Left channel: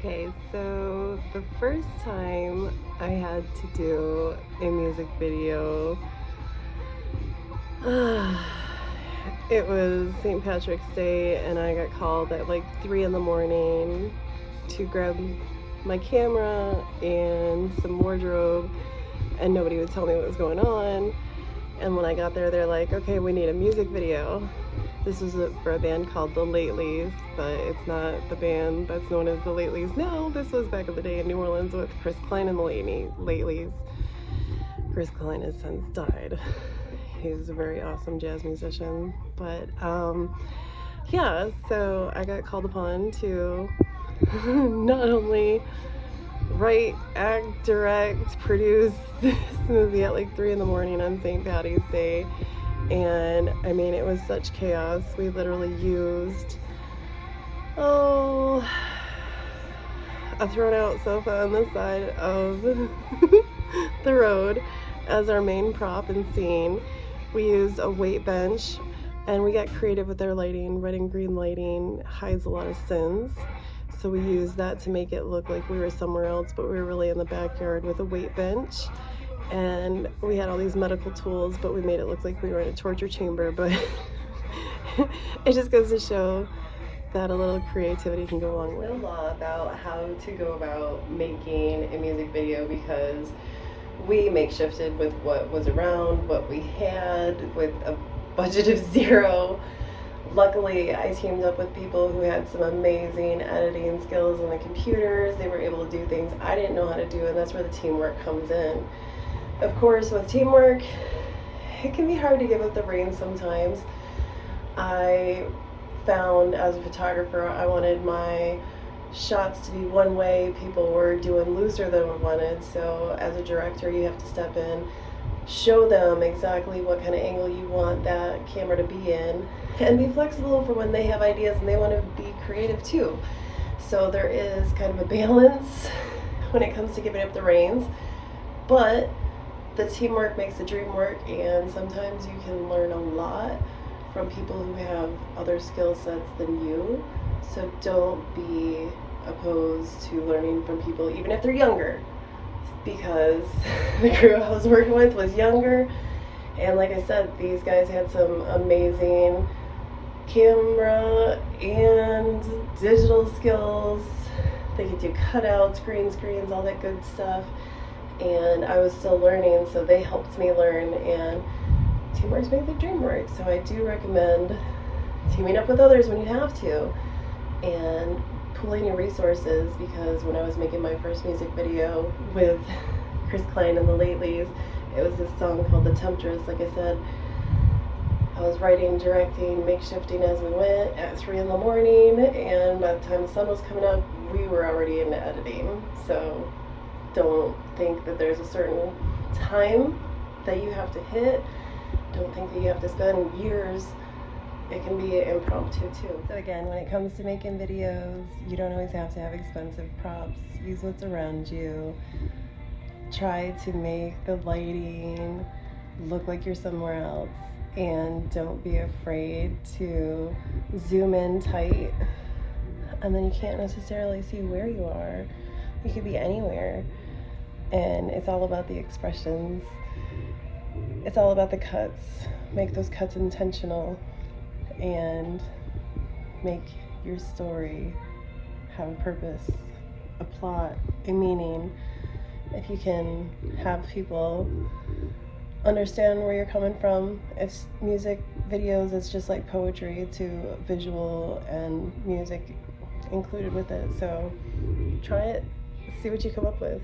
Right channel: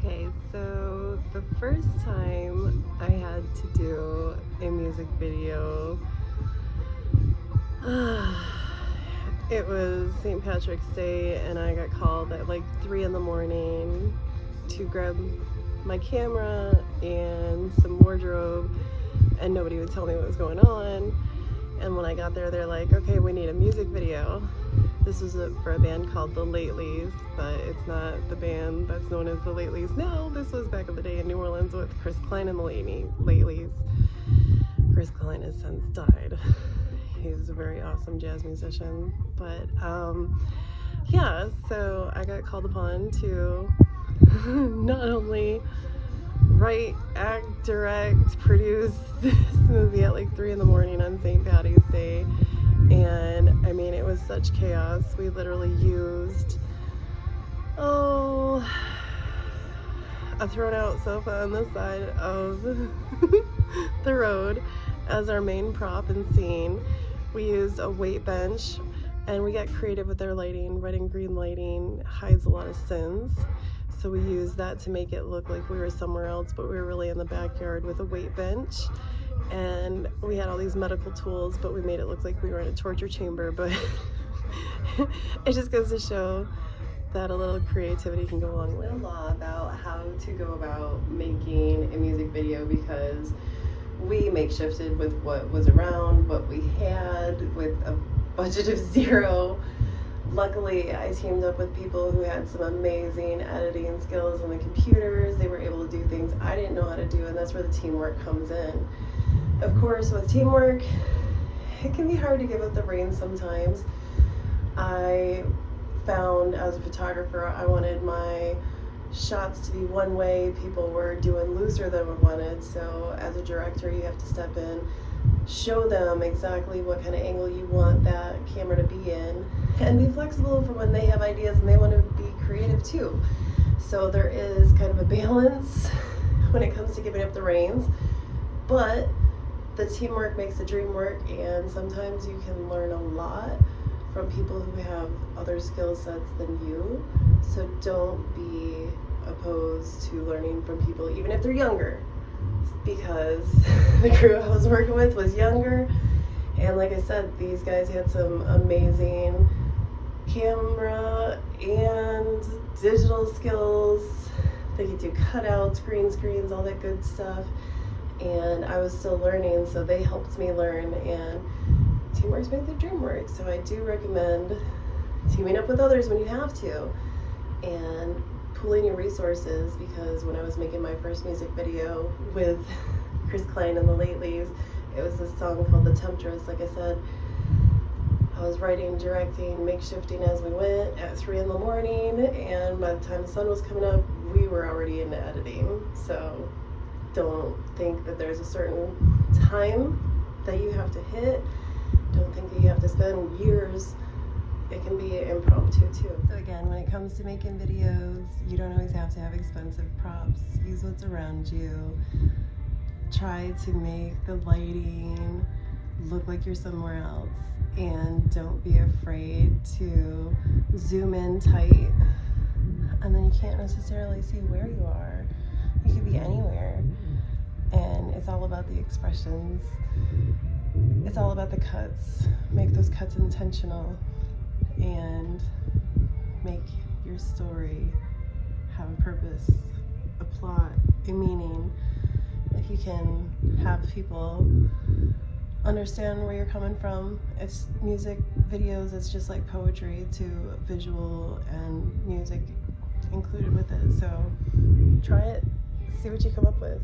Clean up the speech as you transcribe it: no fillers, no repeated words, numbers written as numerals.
Okay, so the first time I had to do a music video, it was St. Patrick's Day, and I got called at like 3 in the morning to grab my camera and some wardrobe, and nobody would tell me what was going on. And when I got there, they're like, okay, we need a music video. This was for a band called the Latelys, but it's not the band that's known as the Latelys. No, this was back in the day in New Orleans with Chris Klein and the Latelys. Chris Klein has since died. He was a very awesome jazz musician. But yeah, so I got called upon to not only write, act, direct, produce this movie at like 3 in the morning on St. Patty's Day. And I mean, it was such chaos. We literally used a thrown out sofa on the side of the road as our main prop and scene. We used a weight bench, and we got creative with our lighting. Red and green lighting hides a lot of sins. So we used that to make it look like we were somewhere else, but we were really in the backyard with a weight bench. And we had all these medical tools, but we made it look like we were in a torture chamber. But it just goes to show that a little creativity can go a long way. I know a lot about how to go about making a music video, because we makeshifted with what was around, what we had, with a budget of 0. Luckily, I teamed up with people who had some amazing editing skills on the computers. They were able to do things I didn't know how to do, and that's where the teamwork comes in. Of course, with teamwork, it can be hard to give up the reins sometimes. I found as a photographer, I wanted my shots to be one way. People were doing looser than we wanted. So as a director, you have to step in, show them exactly what kind of angle you want that camera to be in, and be flexible for when they have ideas and they want to be creative too. So there is kind of a balance when it comes to giving up the reins, but the teamwork makes the dream work, and sometimes you can learn a lot from people who have other skill sets than you. So don't be opposed to learning from people, even if they're younger, because the crew I was working with was younger, and like I said, these guys had some amazing camera and digital skills. They could do cutouts, green screens, all that good stuff, and I was still learning, so they helped me learn, and teamwork's made the dream work. So I do recommend teaming up with others when you have to, and pooling your resources, because when I was making my first music video with Chris Klein and the Latelys, it was this song called the Temptress. Like I said, I was writing, directing, makeshifting as we went at 3 in the morning, and by the time the sun was coming up, we were already in editing. So don't think that there's a certain time that you have to hit. Don't think that you have to spend years. It can be impromptu too. So again, when it comes to making videos, you don't always have to have expensive props. Use what's around you. Try to make the lighting look like you're somewhere else, and don't be afraid to zoom in tight, and then you can't necessarily see where you are. You could be anywhere, and it's all about the expressions. It's all about the cuts. Make those cuts intentional, and make your story have a purpose, a plot, a meaning. If you can have people understand where you're coming from, it's music videos, it's just like poetry to visual and music included with it. So try it, see what you come up with.